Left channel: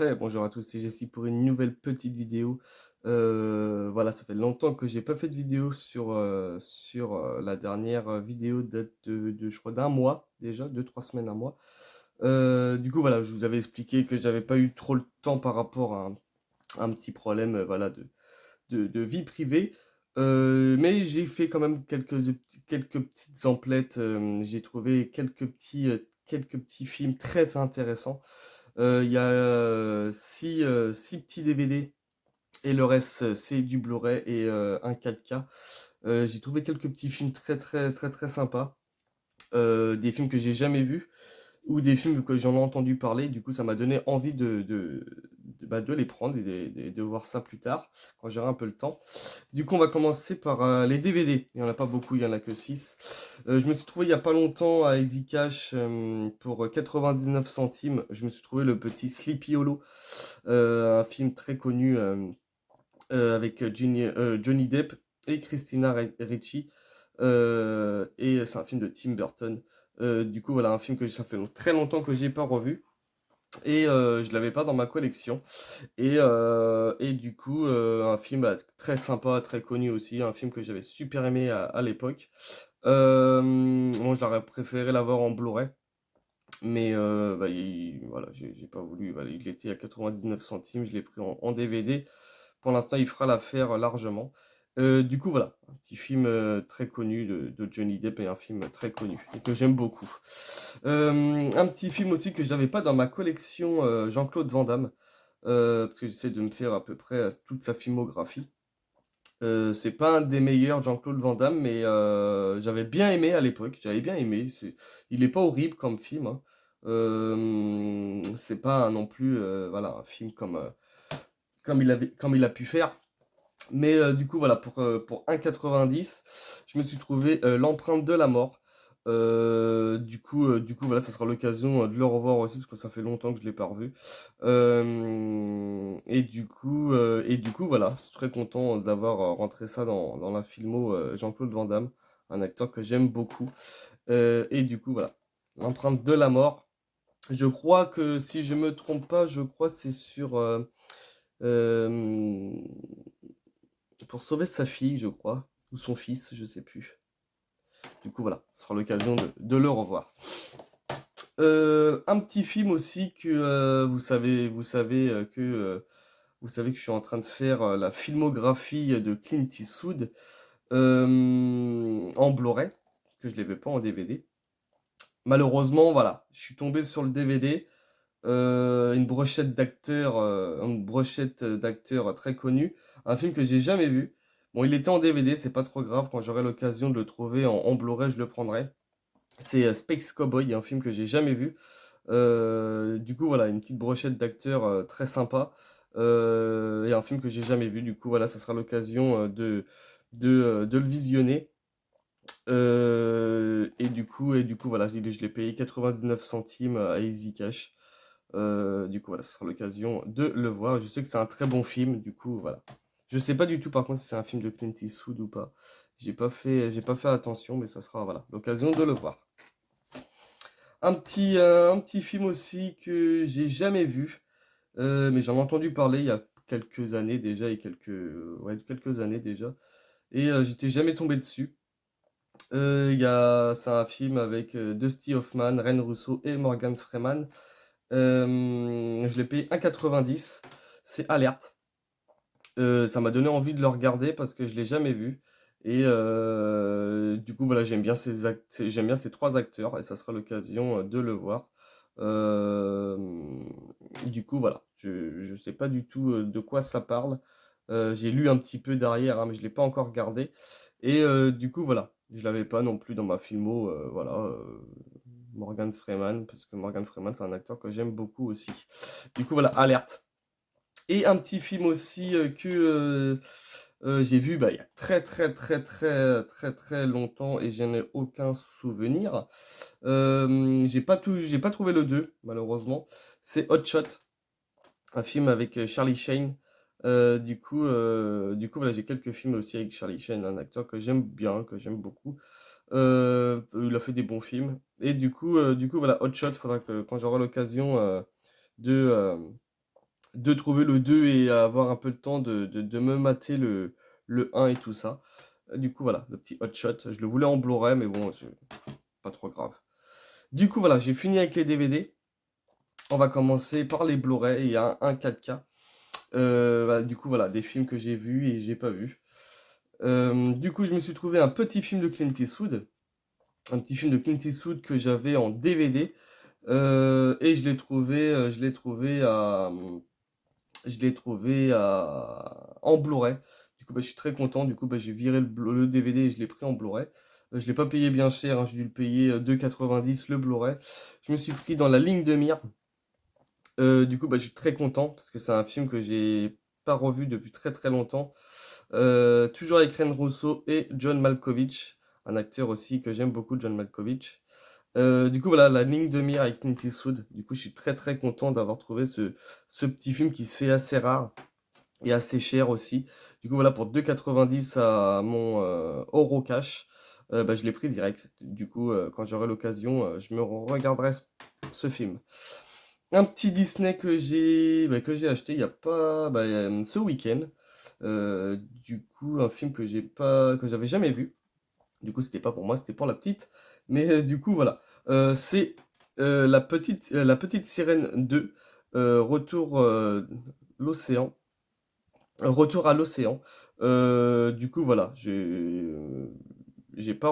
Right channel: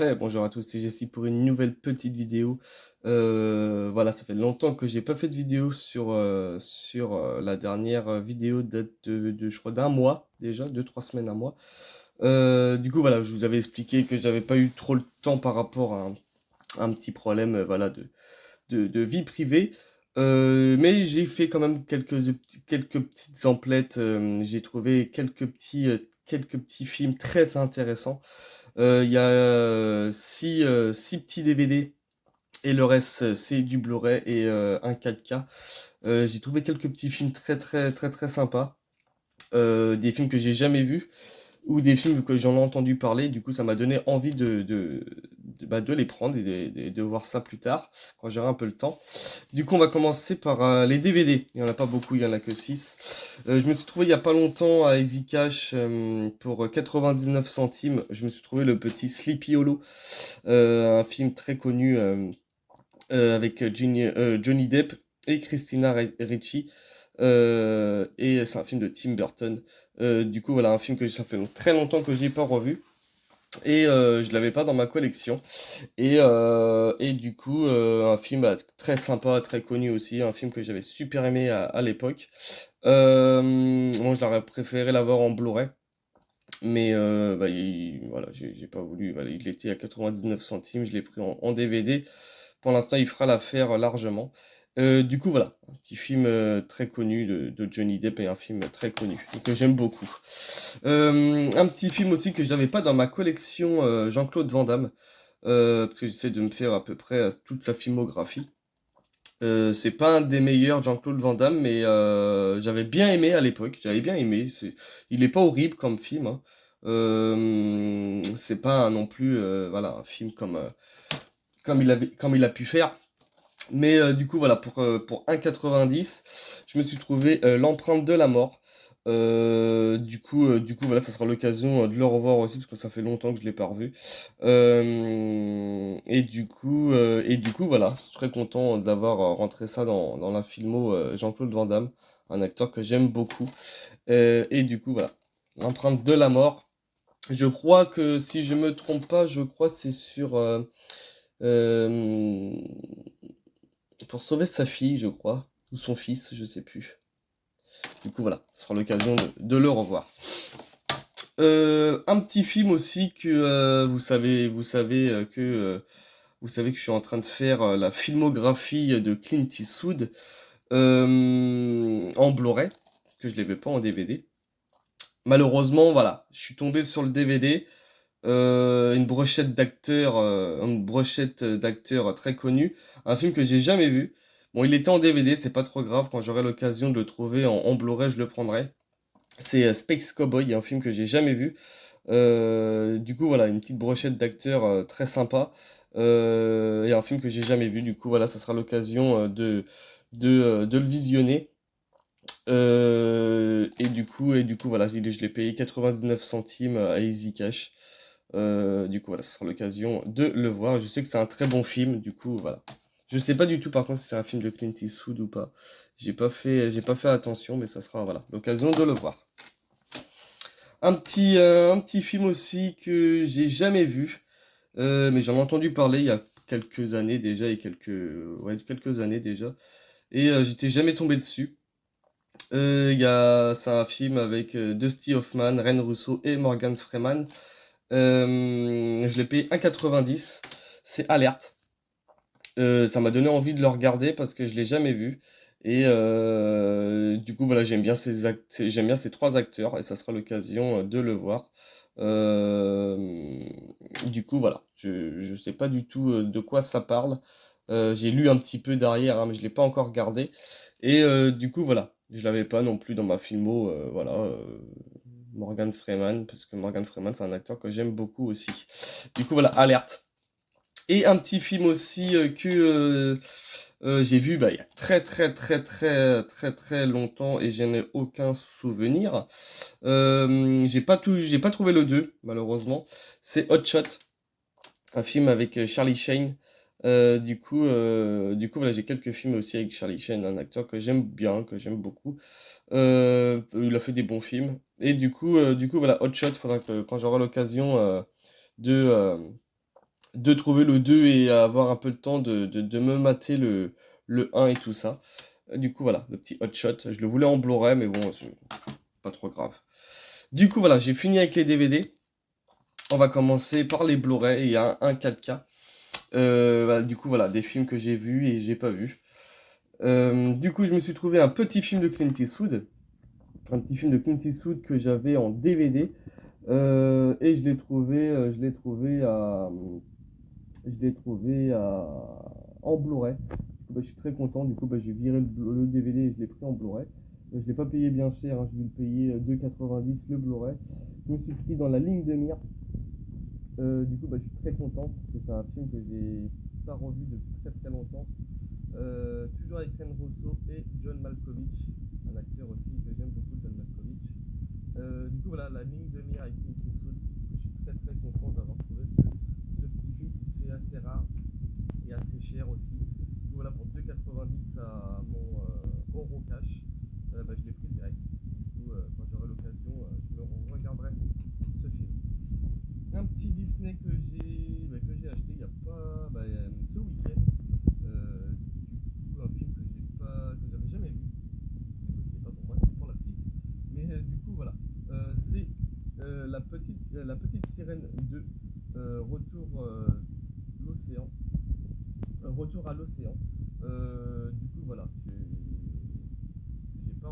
Hey, bonjour à tous, c'est Jessie pour une nouvelle petite vidéo. Voilà, ça fait longtemps que j'ai pas fait de vidéo sur la dernière vidéo date de je crois d'un mois déjà, 2 3 semaines, un mois. Du coup, voilà, je vous avais expliqué que j'avais pas eu trop le temps par rapport à un petit problème, voilà, de vie privée. Mais j'ai fait quand même quelques petites emplettes. J'ai trouvé quelques petits films très intéressants. Il y a 6 petits DVD et le reste, c'est du Blu-ray et un 4K. J'ai trouvé quelques petits films très, très, très, très sympas. Des films que j'ai jamais vus ou des films que j'en ai entendu parler. Du coup, ça m'a donné envie de les prendre et de voir ça plus tard, quand j'aurai un peu le temps. Du coup, on va commencer par les DVD. Il n'y en a pas beaucoup, il y en a que 6. Je me suis trouvé il y a pas longtemps à Easy Cash pour 99 centimes. Je me suis trouvé le petit Sleepy Hollow, un film très connu avec Johnny Depp et Christina Ricci. Et c'est un film de Tim Burton. Du coup, voilà, un film que ça fait très longtemps que j'ai pas revu. Et je l'avais pas dans ma collection. Et du coup, un film très sympa, très connu aussi, un film que j'avais super aimé à l'époque. Bon, je l'aurais préféré l'avoir en Blu-ray, mais bah, voilà, j'ai pas voulu. Voilà, il était à 99 centimes, je l'ai pris en DVD. Pour l'instant, il fera l'affaire largement. Du coup, voilà, un petit film très connu de Johnny Depp et un film très connu et que j'aime beaucoup. Un petit film aussi que j'avais pas dans ma collection, Jean-Claude Van Damme, parce que j'essaie de me faire à peu près toute sa filmographie. C'est pas un des meilleurs Jean-Claude Van Damme, mais j'avais bien aimé à l'époque. J'avais bien aimé. Il est pas horrible comme film, hein. C'est pas non plus voilà, un film comme il a pu faire. Mais du coup, voilà, pour 1,90, je me suis trouvé L'Empreinte de la mort. Du coup, voilà, ça sera l'occasion de le revoir aussi, parce que ça fait longtemps que je ne l'ai pas revu. Et du coup, voilà, je suis très content d'avoir rentré ça dans la filmo Jean-Claude Van Damme, un acteur que j'aime beaucoup. Et du coup, voilà, L'Empreinte de la mort. Je crois que si je me trompe pas, je crois que c'est sur euh, pour sauver sa fille, je crois, ou son fils, je sais plus. Du coup, voilà, ce sera l'occasion de le revoir. Un petit film aussi que vous savez que je suis en train de faire la filmographie de Clint Eastwood en Blu-ray, que je ne l'avais pas en DVD. Malheureusement, voilà, je suis tombé sur le DVD, une brochette d'acteurs très connus, un film que j'ai jamais vu. Bon, il était en DVD, c'est pas trop grave, quand j'aurai l'occasion de le trouver en Blu-ray, je le prendrai. C'est Space Cowboy, un film que j'ai jamais vu. Du coup, voilà, une petite brochette d'acteurs très sympa. Et un film que j'ai jamais vu. Du coup, voilà, ça sera l'occasion de le visionner. Et du coup, voilà, je l'ai payé 99 centimes à Easy Cash. Du coup, voilà, ce sera l'occasion de le voir. Je sais que c'est un très bon film, du coup, voilà. Je sais pas du tout, par contre, si c'est un film de Clint Eastwood ou pas. J'ai pas fait attention, mais ça sera, voilà, l'occasion de le voir. Un petit film aussi que j'ai jamais vu, mais j'en ai entendu parler il y a quelques années déjà, ouais, quelques années déjà, et j'étais jamais tombé dessus. C'est un film avec Dusty Hoffman, Ren Russo et Morgan Freeman. Je l'ai payé 1,90. C'est Alerte. Ça m'a donné envie de le regarder parce que je l'ai jamais vu. Et du coup, voilà, j'aime bien ces trois acteurs et ça sera l'occasion de le voir. Du coup, voilà, je sais pas du tout de quoi ça parle. J'ai lu un petit peu derrière, hein, mais je l'ai pas encore regardé. Et du coup, voilà, je l'avais pas non plus dans ma filmo, voilà, Morgan Freeman, parce que Morgan Freeman, c'est un acteur que j'aime beaucoup aussi. Du coup, voilà, Alerte. Et un petit film aussi que j'ai vu bah, il y a très très très très très très longtemps et je n'ai aucun souvenir. J'ai pas trouvé le 2 malheureusement. C'est Hot Shot, un film avec Charlie Sheen. Du coup, voilà, j'ai quelques films aussi avec Charlie Sheen, un acteur que j'aime bien, que j'aime beaucoup. Il a fait des bons films. Et du coup, voilà, Hot Shot, faudra que quand j'aurai l'occasion de, de trouver le 2 et avoir un peu le temps de me mater le 1 et tout ça. Du coup, voilà, le petit Hot Shot. Je le voulais en Blu-ray, mais bon, c'est pas trop grave. Du coup, voilà, j'ai fini avec les DVD. On va commencer par les Blu-ray. Il y a un 4K. Bah, du coup, voilà, des films que j'ai vus et j'ai pas vus. Du coup, je me suis trouvé un petit film de Clint Eastwood. Un petit film de Clint Eastwood que j'avais en DVD. Et je l'ai trouvé en Blu-ray. Du coup, bah, je suis très content. Du coup, bah, j'ai viré le DVD et je l'ai pris en Blu-ray. Je l'ai pas payé bien cher, hein, j'ai dû le payer 2,90 le Blu-ray. Je me suis pris dans la ligne de mire. Du coup, bah, je suis très content parce que c'est un film que j'ai pas revu depuis très très longtemps. Toujours avec Ren Russo et John Malkovich, un acteur aussi que j'aime beaucoup, John Malkovich. Du coup, voilà, la ligne de mire avec Clint Eastwood. Du coup, je suis très très content d'avoir trouvé ce petit film qui se fait assez rare et assez cher aussi. Du coup, voilà, pour 2,90 à mon Eurocash, bah, je l'ai pris direct. Du coup, quand j'aurai l'occasion, je me regarderai ce film. Un petit Disney que j'ai acheté il y a pas ce week-end. Du coup, un film que j'avais jamais vu. Du coup, c'était pas pour moi, c'était pour la petite. Mais du coup, voilà. C'est la petite sirène 2, retour l'océan. Retour à l'océan. Du coup, voilà. Je l'ai pas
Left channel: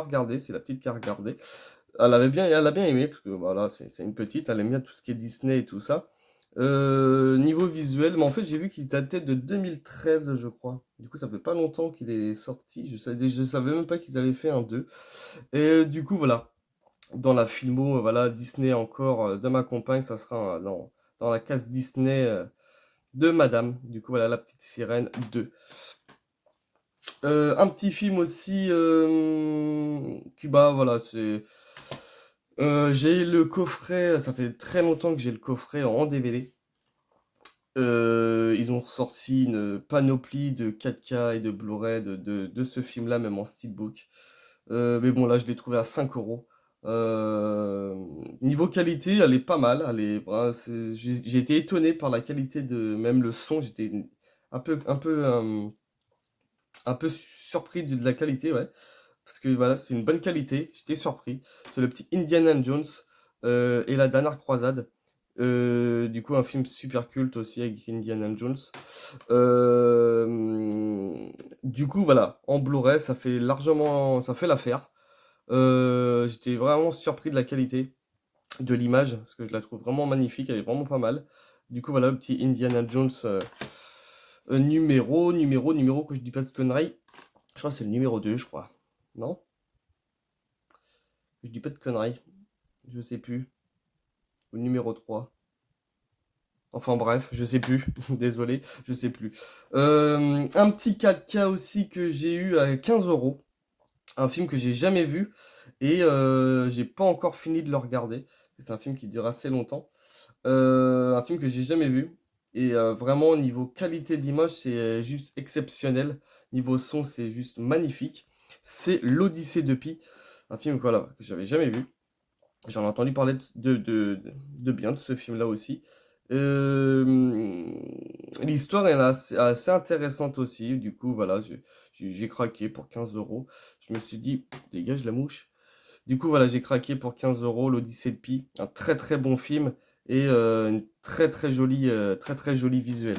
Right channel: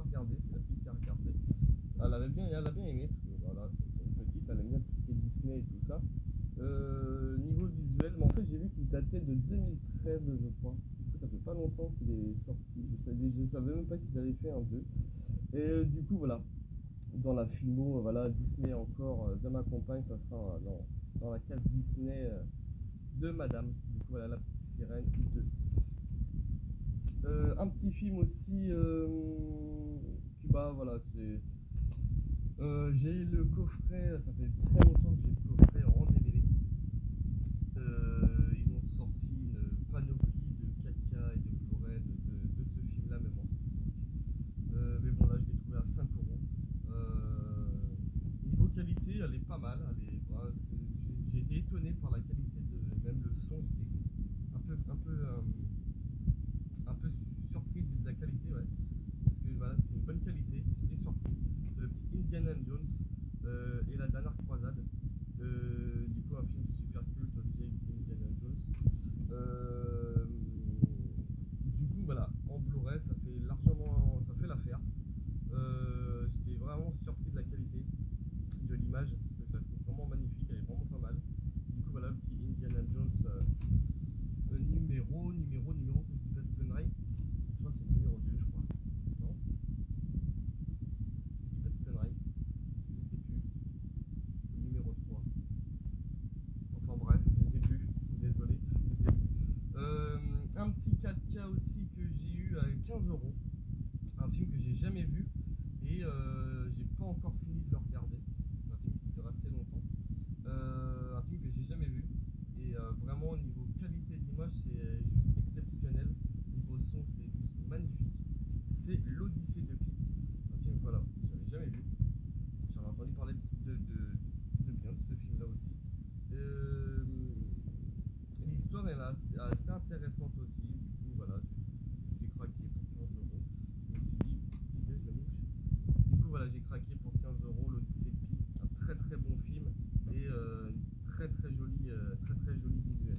regardé, c'est la petite qui a regardé. Elle a bien aimé, parce que voilà, c'est une petite, elle aime bien tout ce qui est Disney et tout ça. Niveau visuel, mais en fait, j'ai vu qu'il datait de 2013, je crois. Du coup, ça fait pas longtemps qu'il est sorti. Je savais même pas qu'ils avaient fait un 2. Et du coup, voilà. Dans la filmo, voilà, Disney encore de ma compagne, ça sera dans la case Disney de Madame. Du coup, voilà, la petite sirène 2. Un petit film aussi qui, bah, voilà, c'est. J'ai le coffret, ça fait très longtemps que j'ai le coffret en DVD. Ils ont sorti une panoplie de 4K et de Blu-ray de ce film-là, même en steelbook. Mais bon, là, je l'ai trouvé à 5 euros. Niveau qualité, elle est pas mal. Voilà, j'ai été étonné par la qualité de même le son. J'étais un peu surpris de la qualité, ouais. Parce que voilà, c'est une bonne qualité. J'étais surpris. C'est le petit Indiana Jones et la dernière croisade. Du coup, un film super culte aussi avec Indiana Jones. Du coup, voilà, en Blu-ray, ça fait l'affaire. J'étais vraiment surpris de la qualité de l'image parce que je la trouve vraiment magnifique, elle est vraiment pas mal. Du coup, voilà le petit Indiana Jones numéro, que je dis pas de conneries. Je crois que c'est le numéro 2, je crois. Non? Je dis pas de conneries. Je sais plus. Le numéro 3. Enfin bref, je sais plus. Désolé, je sais plus. Un petit 4K aussi que j'ai eu à 15 euros. Un film que j'ai jamais vu et j'ai pas encore fini de le regarder. C'est un film qui dure assez longtemps. Un film que j'ai jamais vu. Et vraiment, au niveau qualité d'image, c'est juste exceptionnel. Niveau son, c'est juste magnifique. C'est l'Odyssée de Pi. Un film voilà, que j'avais jamais vu. J'en ai entendu parler de bien de ce film-là aussi. Euh, L'histoire est assez intéressante aussi. Du coup, voilà, j'ai craqué pour 15 euros. Je me suis dit, dégage la mouche. Du coup, voilà, j'ai craqué pour 15 euros l'Odyssée de Pi. Un très très bon film et une très très jolie visuel.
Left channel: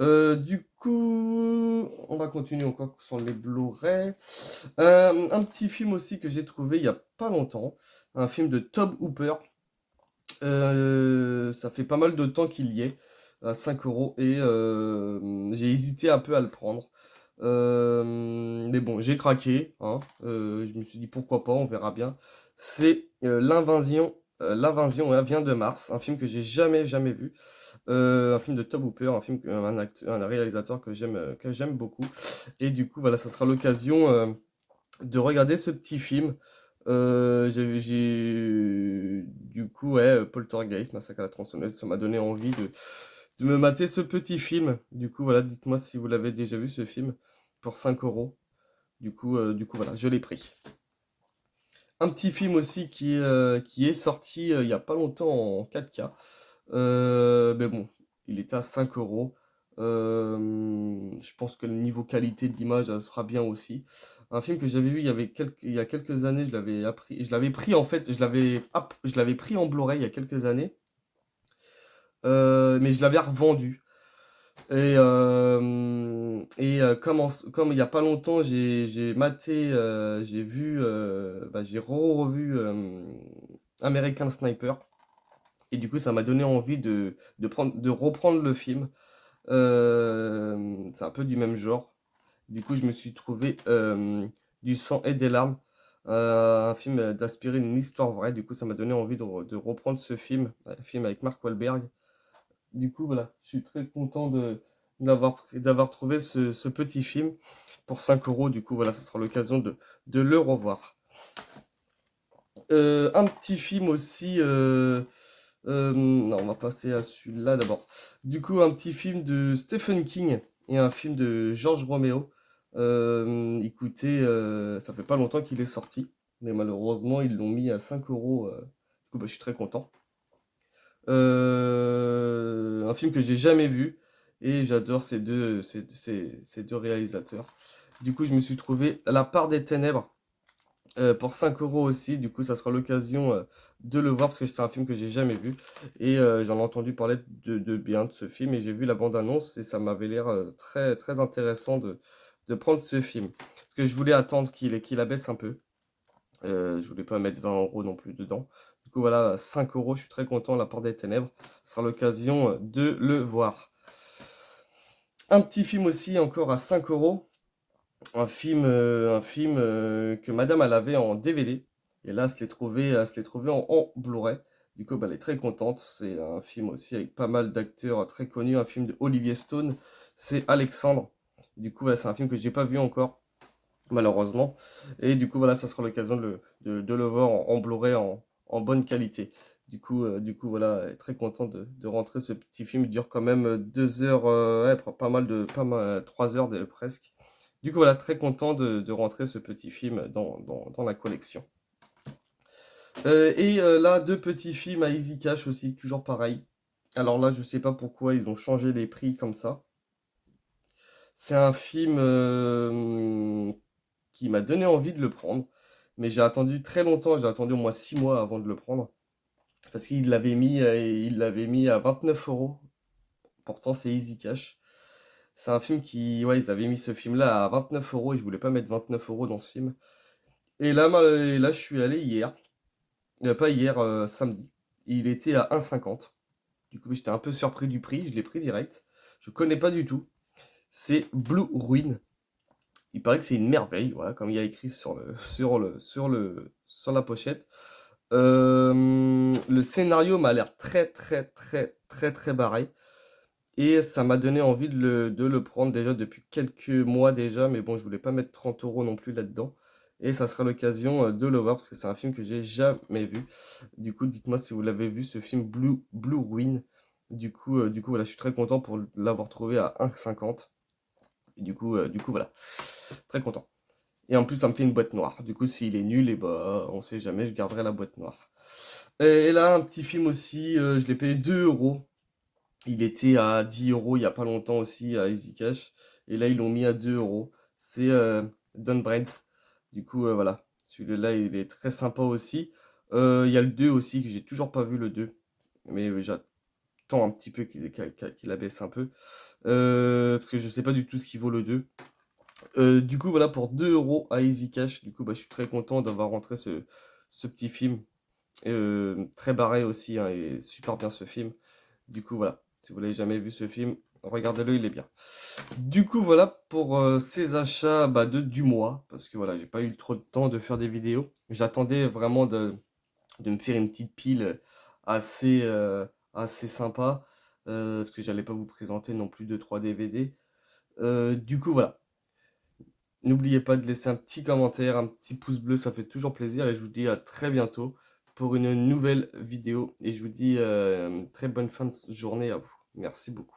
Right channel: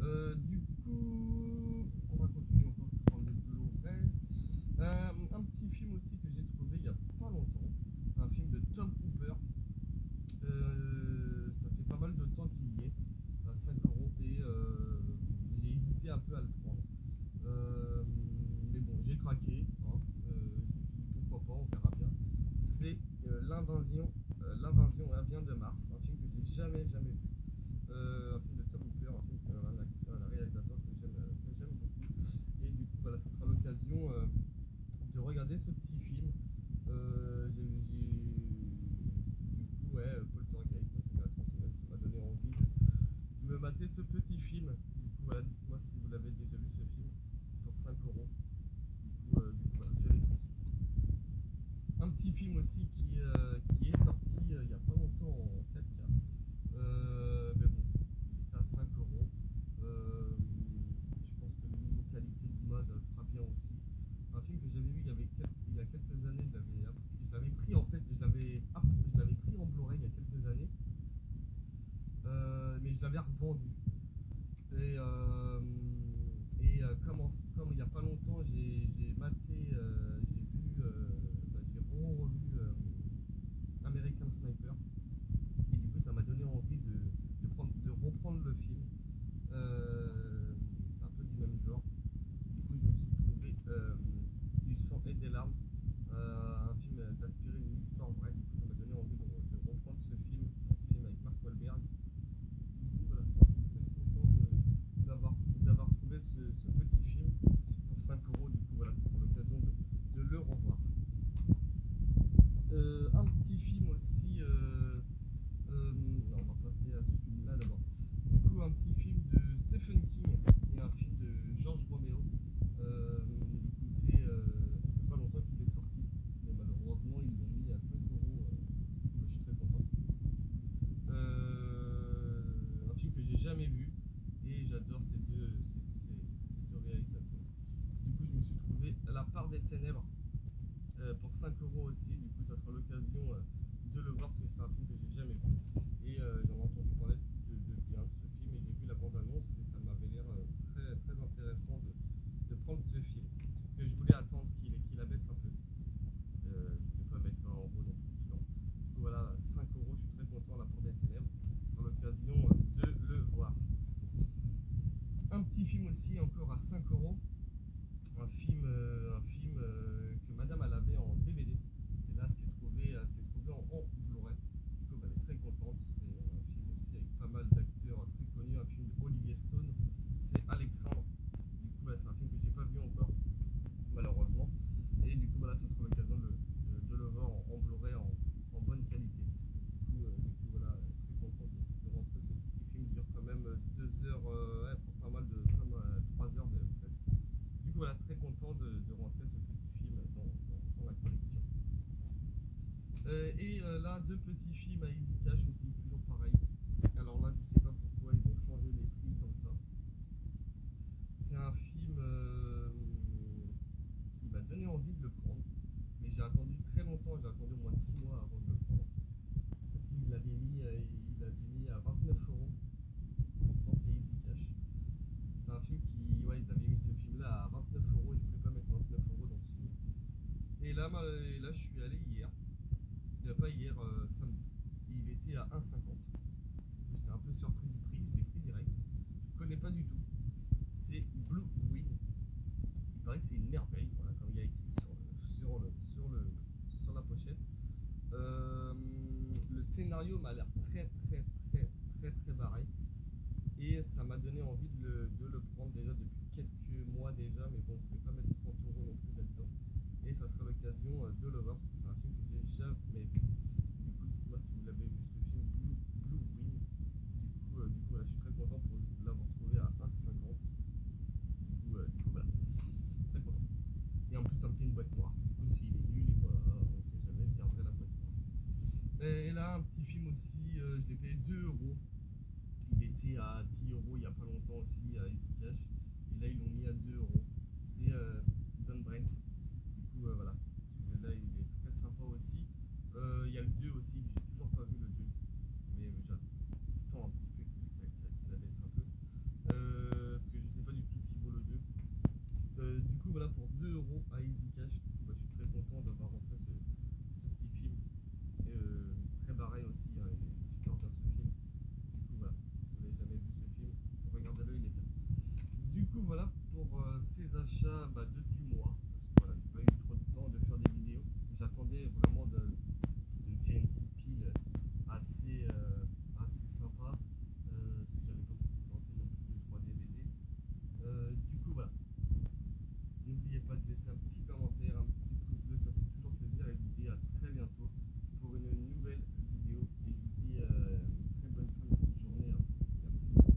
Du coup, on va continuer encore sur les Blu-ray. Un petit film aussi que j'ai trouvé il y a pas longtemps. Un film de Tobe Hooper. Ça fait pas mal de temps qu'il y est, à 5 euros, et j'ai hésité un peu à le prendre. Mais bon, j'ai craqué, hein. Je me suis dit pourquoi pas, on verra bien. C'est L'Invasion vient de Mars, un film que j'ai jamais vu. Un film de Tobe Hooper, un réalisateur que j'aime beaucoup. Et du coup, voilà, ça sera l'occasion de regarder ce petit film. Du coup, ouais, Poltergeist, Massacre à la tronçonneuse, ça m'a donné envie de me mater ce petit film. Du coup, voilà, dites-moi si vous l'avez déjà vu ce film pour 5 euros. Du coup, voilà, je l'ai pris. Un petit film aussi qui est sorti il y a pas longtemps en 4K. Mais bon, il était à 5 euros. Je pense que le niveau qualité d'image sera bien aussi. Un film que j'avais vu il y a quelques années, je l'avais pris en fait, je l'avais pris en Blu-ray il y a quelques années, mais je l'avais revendu. Comme il n'y a pas longtemps, j'ai maté, j'ai revu American Sniper. Et du coup, ça m'a donné envie de reprendre le film. C'est un peu du même genre. Du coup, je me suis trouvé Du sang et des larmes, un film d'inspirer une histoire vraie. Du coup, ça m'a donné envie de reprendre ce film, un film avec Mark Wahlberg. Du coup, voilà, je suis très content d'avoir trouvé ce petit film pour 5 euros. Du coup, voilà, ça sera l'occasion de le revoir. Un petit film aussi. Non, on va passer à celui-là d'abord. Du coup, un petit film de Stephen King et un film de George Romero. Écoutez, ça fait pas longtemps qu'il est sorti, mais malheureusement, ils l'ont mis à 5 euros. Du coup, bah, je suis très content. Un film que j'ai jamais vu et j'adore ces deux réalisateurs. Du coup, je me suis trouvé La part des ténèbres pour 5 euros aussi. Du coup, ça sera l'occasion de le voir parce que c'est un film que j'ai jamais vu et j'en ai entendu parler de bien de ce film et j'ai vu la bande-annonce et ça m'avait l'air très, très intéressant de prendre ce film. Parce que je voulais attendre qu'il abaisse un peu. Je voulais pas mettre 20 euros non plus dedans. Du coup, voilà, 5 euros, je suis très content. La part des ténèbres, ce sera l'occasion de le voir. Un petit film aussi, encore à 5 euros. Un film que madame elle avait en DVD. Et là, elle se l'est trouvé en Blu-ray. Du coup, bah, elle est très contente. C'est un film aussi avec pas mal d'acteurs très connus. Un film de Olivier Stone. C'est Alexandre. Du coup, c'est un film que j'ai pas vu encore, malheureusement. Et du coup, voilà, ça sera l'occasion de le voir en Blu-ray en bonne qualité. Voilà, très content de rentrer ce petit film. Il dure quand même 2 heures, ouais, pas mal, 3 heures presque. Du coup, voilà, très content de rentrer ce petit film dans la collection. Là, deux petits films à Easy Cash aussi, toujours pareil. Alors là, je sais pas pourquoi ils ont changé les prix comme ça. C'est un film qui m'a donné envie de le prendre. Mais j'ai attendu très longtemps, j'ai attendu au moins 6 mois avant de le prendre. Parce il l'avait mis à 29 euros. Pourtant, c'est Easy Cash. C'est un film ouais, ils avaient mis ce film-là à 29 euros et je voulais pas mettre 29 euros dans ce film. Et là je suis allé hier. Pas hier, samedi. Il était à 1,50. Du coup, j'étais un peu surpris du prix. Je l'ai pris direct. Je connais pas du tout. C'est Blue Ruin. Il paraît que c'est une merveille, voilà, comme il y a écrit sur la pochette. Le scénario m'a l'air très très très très très barré. Et ça m'a donné envie de le prendre déjà depuis quelques mois déjà. Mais bon, je voulais pas mettre 30 euros non plus là-dedans. Et ça sera l'occasion de le voir parce que c'est un film que j'ai jamais vu. Du coup, dites-moi si vous l'avez vu, ce film Blue Ruin. Du coup, voilà, je suis très content pour l'avoir trouvé à 1,50. Voilà, très content. Et en plus, ça me fait une boîte noire. Du coup, s'il est nul, et bah, on sait jamais, je garderai la boîte noire. Et là, un petit film aussi, je l'ai payé 2 euros. Il était à 10 euros il y a pas longtemps aussi à Easy Cash. Et là, ils l'ont mis à 2 euros. C'est Don Bread. Du coup, voilà. Celui-là, il est très sympa aussi. Il y a le 2 aussi, que j'ai toujours pas vu le 2. Mais j'attends un petit peu qu'il abaisse un peu. Parce que je sais pas du tout ce qu'il vaut le 2. Du coup, voilà, pour 2 euros à Easy Cash. Du coup, bah, je suis très content d'avoir rentré ce petit film. Très barré aussi, hein, et super bien ce film. Du coup, voilà. Si vous l'avez jamais vu ce film, regardez-le, il est bien. Du coup, voilà pour ces achats du mois. Parce que voilà, j'ai pas eu trop de temps de faire des vidéos. J'attendais vraiment de me faire une petite pile assez, assez sympa. Parce que j'allais pas vous présenter non plus 2-3 DVD. Du coup, voilà. N'oubliez pas de laisser un petit commentaire, un petit pouce bleu, ça fait toujours plaisir. Et je vous dis à très bientôt pour une nouvelle vidéo. Et je vous dis très bonne fin de journée à vous. Merci beaucoup.